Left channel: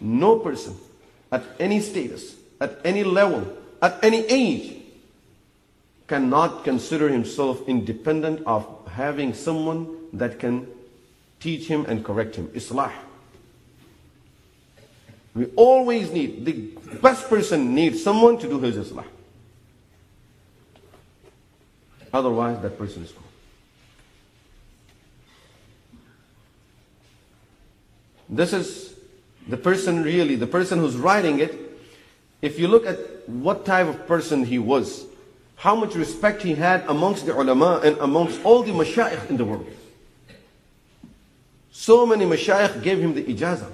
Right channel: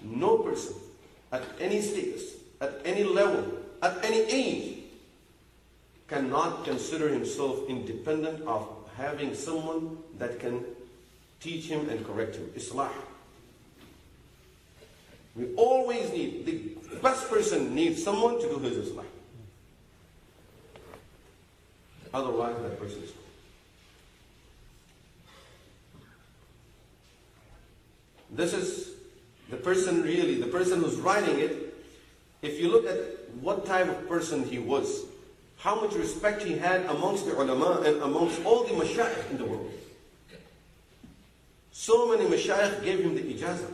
no person at any status, at any level, at any age cannot consider himself independent of having someone that can teach him and correct him. Islah. We always need, the best person needs someone to do his Islah. Otherwise, that person is gone. This is the person really, the person who's writing it. If you look at what type of person he was, how much respect he had amongst the ulama and amongst all the mashayikh in the world. So many mashayikh gave him the ijazah.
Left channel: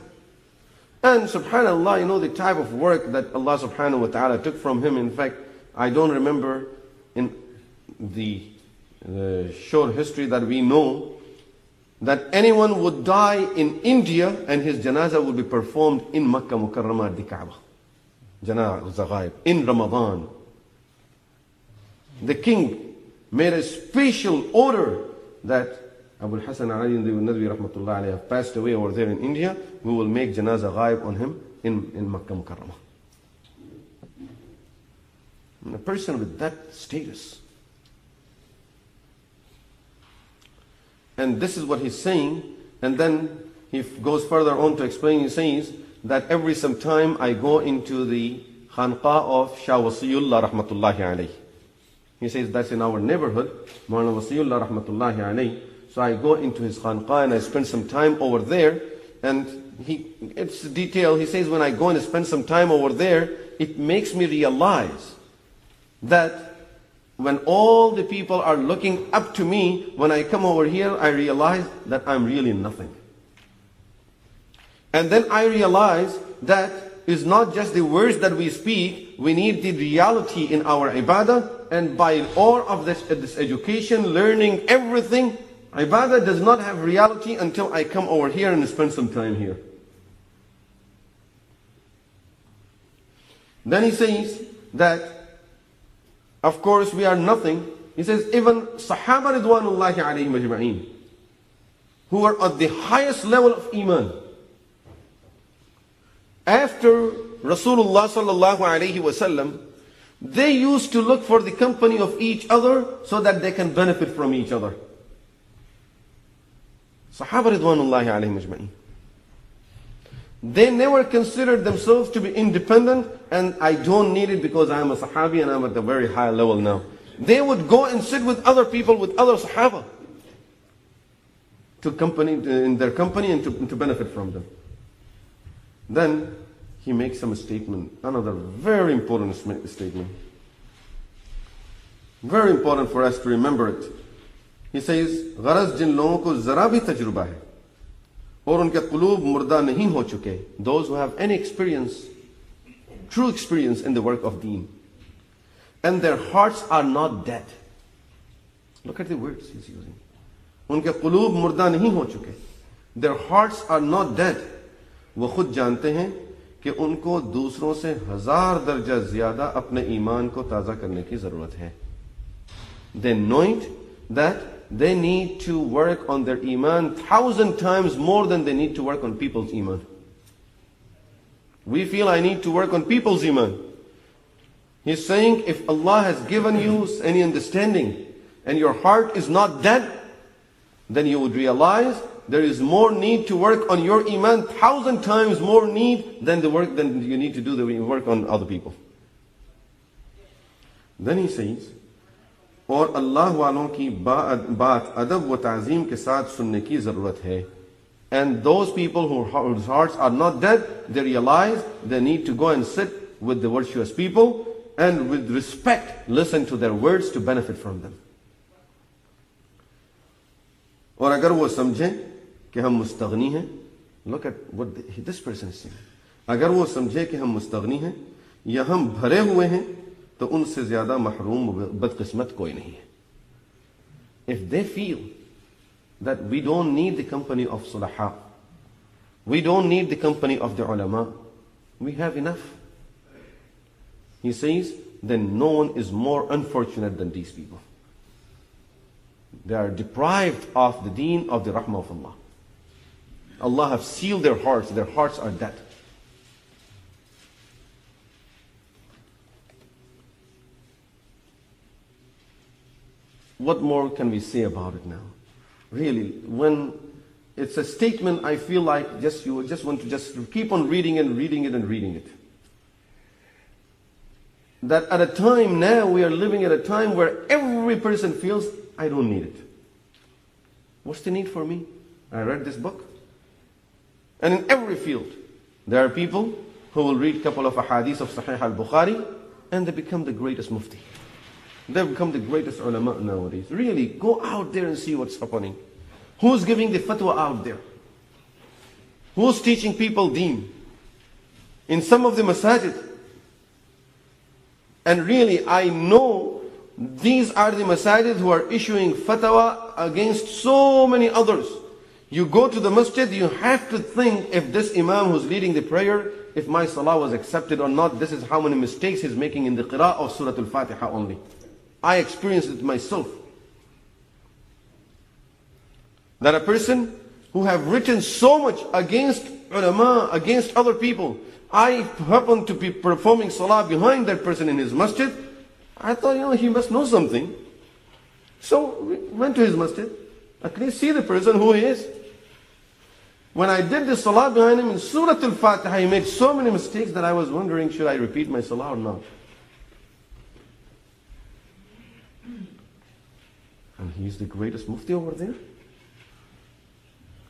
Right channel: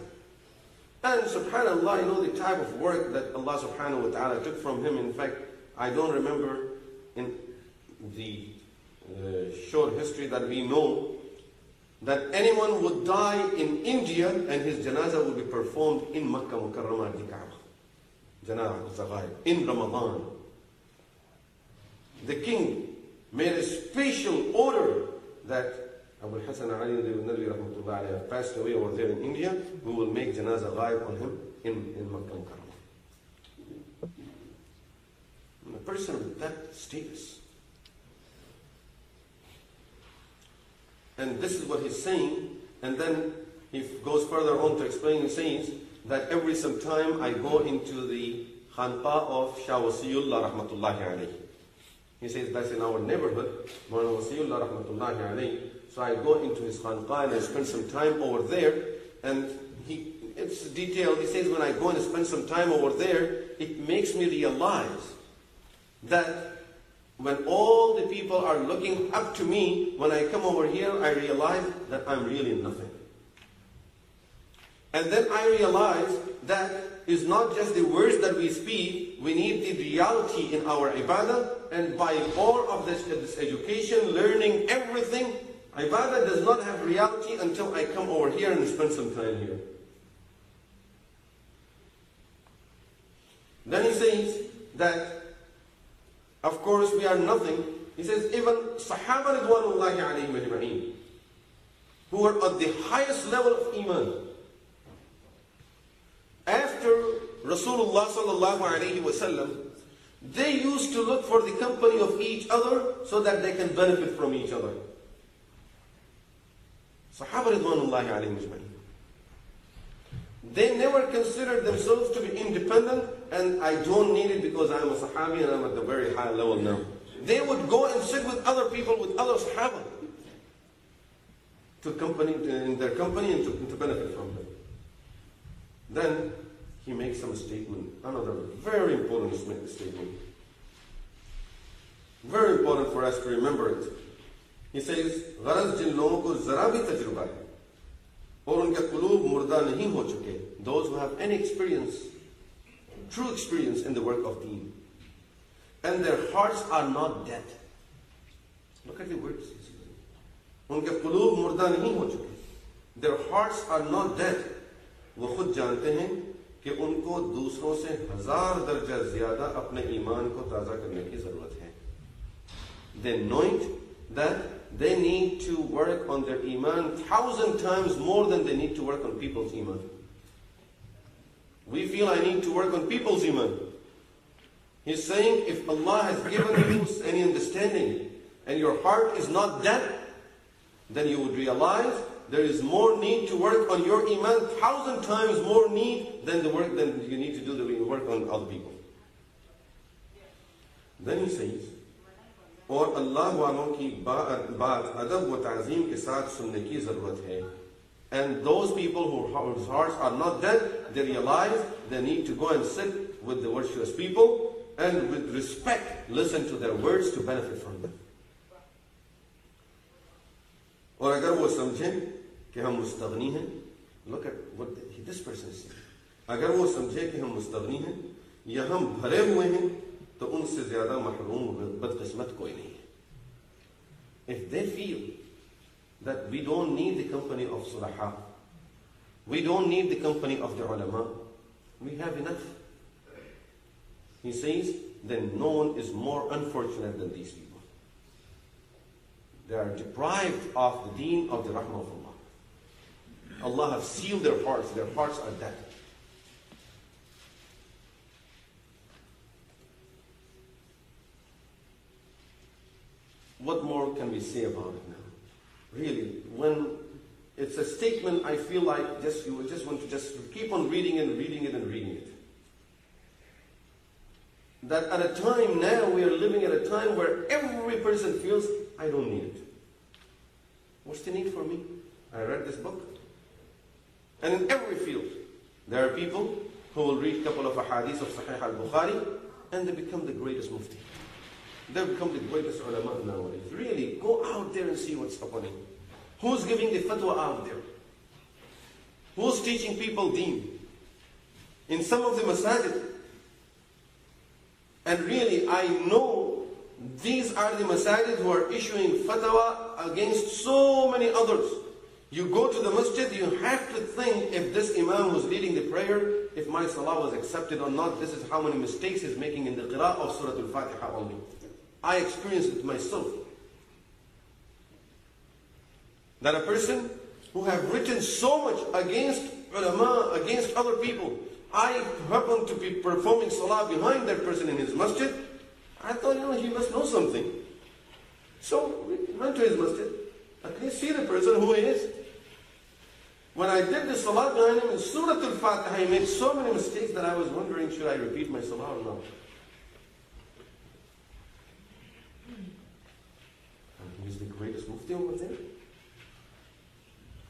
And subhanAllah, you know the type of work that Allah subhanahu wa ta'ala took from him. In fact, I don't remember in the short history that we know that anyone would die in India and his janazah would be performed in Makkah Mukarramah at the Kaaba. Janazah ghaib in Ramadan. The king made a special order that Abu Hassan Ali Nadwi rahmatullah alayhi have passed away over there in India. We will make janazah ghaib on him in Makkah Mukarramah. And a person with that status. And this is what he's saying. And then he goes further on to explain. He says that every some time I go into the khanqa of Shah Wasiyullah rahmatullahi alayhi. He says that's in our neighborhood, Maulana Wasiyullah rahmatullahi alayhi. So I go into his khanqa and I spend some time over there. And it's detailed. He says when I go and spend some time over there, it makes me realize that when all the people are looking up to me, when I come over here, I realize that I'm really nothing. And then I realize that it's not just the words that we speak, we need the reality in our ibadah. And by all of this education, learning everything, ibadah does not have reality until I come over here and spend some time here. Then he says that, of course, we are nothing. He says, even Sahaba Ridwanullahi alayhim ajma'een, who are at the highest level of Iman, after Rasulullah sallallahu alayhi wasallam, they used to look for the company of each other so that they can benefit from each other. Sahaba Ridwanullahi alayhim ajma'een. They never considered themselves to be independent and I don't need it because I'm a Sahabi and I'm at a very high level now. They would go and sit with other people, with other Sahaba, to company, in their company and to benefit from them. Then he makes some statement, another very important statement. Very important for us to remember it. He says, "Gharaz jin logon ko zara bhi tajruba hai aur unke qulub murda nahi ho chuke." Those who have any experience, true experience in the work of deen, and their hearts are not dead. Look at the words he's using. Unke qulub murda nahi ho chuke. Their hearts are not dead. वो खुद जानते हैं कि उनको दूसरों से 1000 दर्जा ज़्यादा अपने ईमान को ताज़ा करने की ज़रूरत है. They know it that they need to work on their iman 1000 times more than they need to work on people's iman. We feel I need to work on people's iman. He's saying if Allah has given you any understanding and your heart is not dead, then you would realize there is more need to work on your iman, 1000 times more need than the work than you need to do the work on other people. Then he says, और अल्लाह वालों की बात अदब व ताज़ीम के साथ सुनने की ज़रूरत है. And those people whose hearts are not dead, they realize they need to go and sit with the virtuous people and with respect listen to their words to benefit from them. और अगर वो समझें कि हम मुस्तगनी हैं, look at what this person is saying. अगर वो समझे कि हम मुस्तगनी हैं या हम भरे हुए हैं, तो उनसे ज़्यादा महरूम बदकिस्मत कोई नहीं है. If they feel that we don't need the company of sulaha, we don't need the company of the ulama, we have enough. He says, then no one is more unfortunate than these people. They are deprived of the deen of the rahmah of Allah. Allah have sealed their hearts are dead. what more can we say about it now? Really, when it's a statement, I feel like you just want to just keep on reading and reading it and reading it. That at a time now, we are living at a time where every person feels, I don't need it. What's the need for me? I read this book. And in every field, there are people who will read a couple of ahadith of Sahih al-Bukhari and they become the greatest mufti. They become the greatest ulama nowadays. Really, go out there and see what's happening. Who's giving the fatwa out there? Who's teaching people deen? In some of the masajid. And really, I know these are the masajid who are issuing fatwa against so many others. You go to the masjid, you have to think if this imam who's leading the prayer, if my salah was accepted or not. This is how many mistakes he's making in the qira'ah of Surah Al-Fatiha only. I experienced it myself. That a person who have written so much against ulama, against other people, I happen to be performing salah behind that person in his masjid. I thought, he must know something. So we went to his masjid. At least see the person who he is. When I did the salah behind him in Surah Al-Fatiha, he made so many mistakes that I was wondering, should I repeat my salah or not? And he's the greatest mufti over there.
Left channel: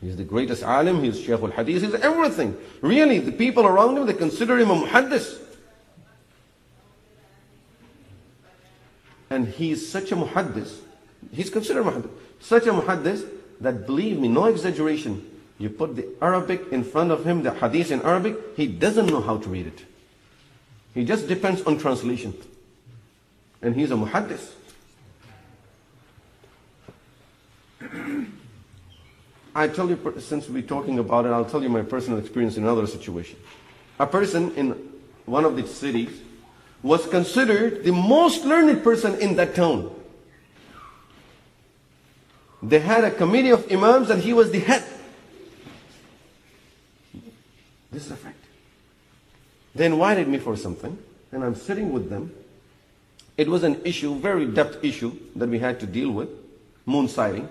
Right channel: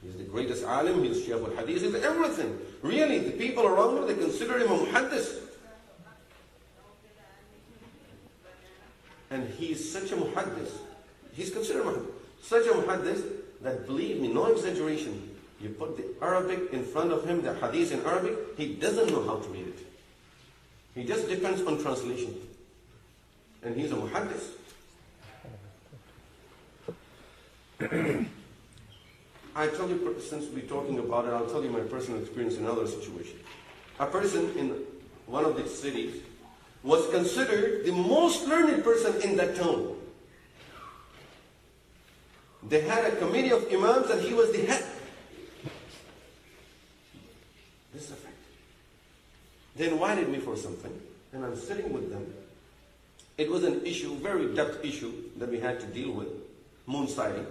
He's the greatest alim, he's Shaykh al-Hadith, he's everything. Really, the people around him, they consider him a muhaddis. And he's such a muhaddis. He's considered muhaddis. Such a muhaddis that, believe me, no exaggeration, you put the Arabic in front of him, the hadith in Arabic, he doesn't know how to read it. He just depends on translation. And he's a muhaddis. I tell you, since we're talking about it, I'll tell you my personal experience in another situation. A person in one of the cities was considered the most learned person in that town. They had a committee of imams and he was the head. This is a fact. They invited me for something and I'm sitting with them. It was an issue, very depth issue that we had to deal with, moon sighting.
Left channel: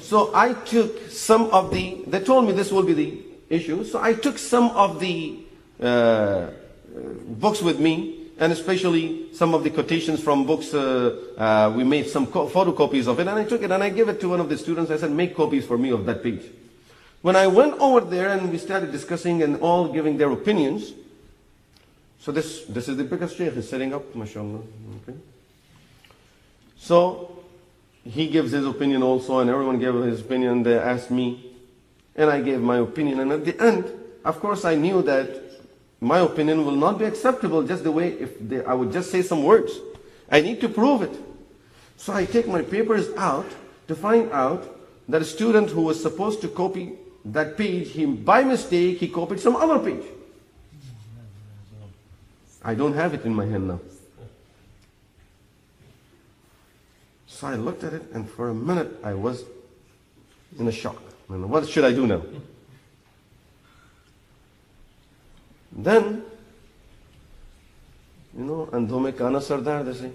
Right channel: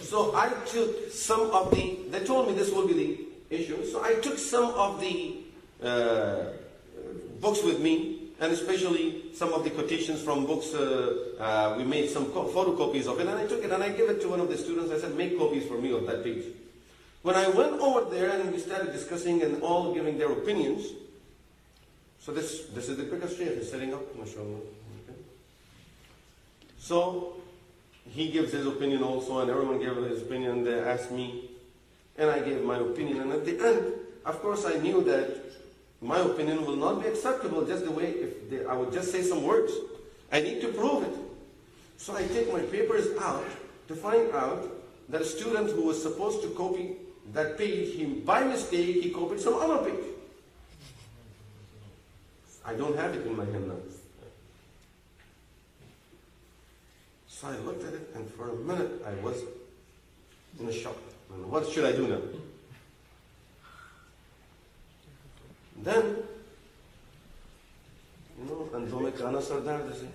So I took some of they told me this will be the issue, so I took some of the books with me, and especially some of the quotations from books. We made some photocopies of it, and I took it and I gave it to one of the students. I said, make copies for me of that page. When I went over there and we started discussing and all giving their opinions, so this is the biggest shaykh is setting up, mashallah. Okay. So he gives his opinion also, and everyone gave his opinion. They asked me, and I gave my opinion. And at the end, of course, I knew that my opinion will not be acceptable just the way I would just say some words. I need to prove it. So I take my papers out to find out that a student who was supposed to copy that page, by mistake, he copied some other page. I don't have it in my hand now. So I looked at it, and for a minute I was in a shock. And what should I do now? Then, andho mein kana sardar, they say.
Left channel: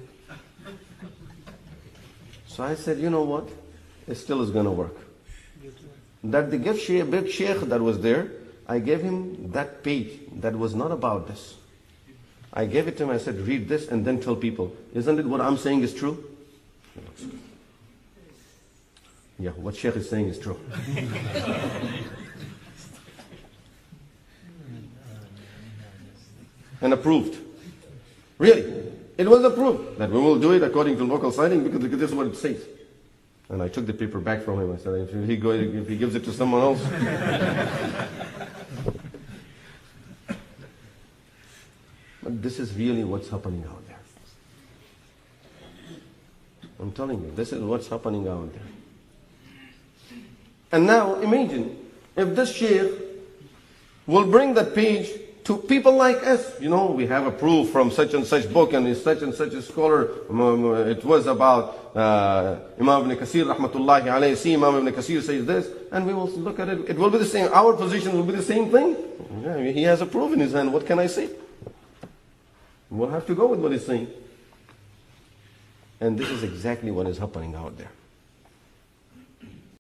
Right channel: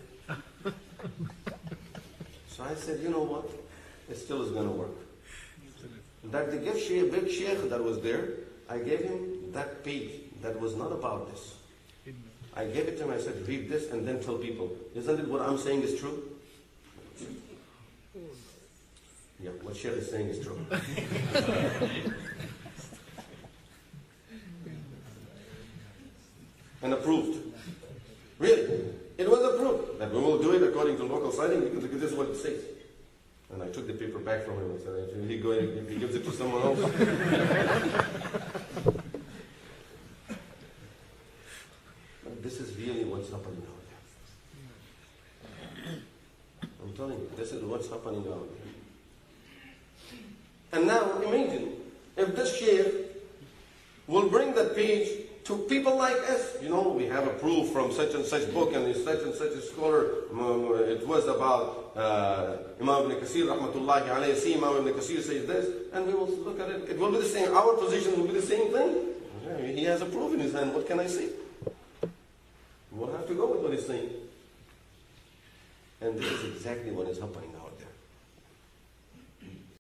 So I said, you know what? It still is going to work. That the big sheikh that was there, I gave him that page that was not about this. I gave it to him, I said, read this and then tell people, isn't it what I'm saying is true? Yeah, what Sheikh is saying is true. And approved. Really. It was approved that we will do it according to local signing because this is what it says. And I took the paper back from him. I said, if he gives it to someone else. But this is really what's happening out there. I'm telling you, this is what's happening out there. And now imagine if this sheikh will bring that page to people like us. We have a proof from such and such book and such a scholar. It was about Imam ibn Kathir rahmatullahi alayhi. See, Imam ibn Kathir says this, and we will look at it. It will be the same. Our position will be the same thing. Yeah, he has a proof in his hand. What can I say? We'll have to go with what he's saying. And this is exactly what is happening out there.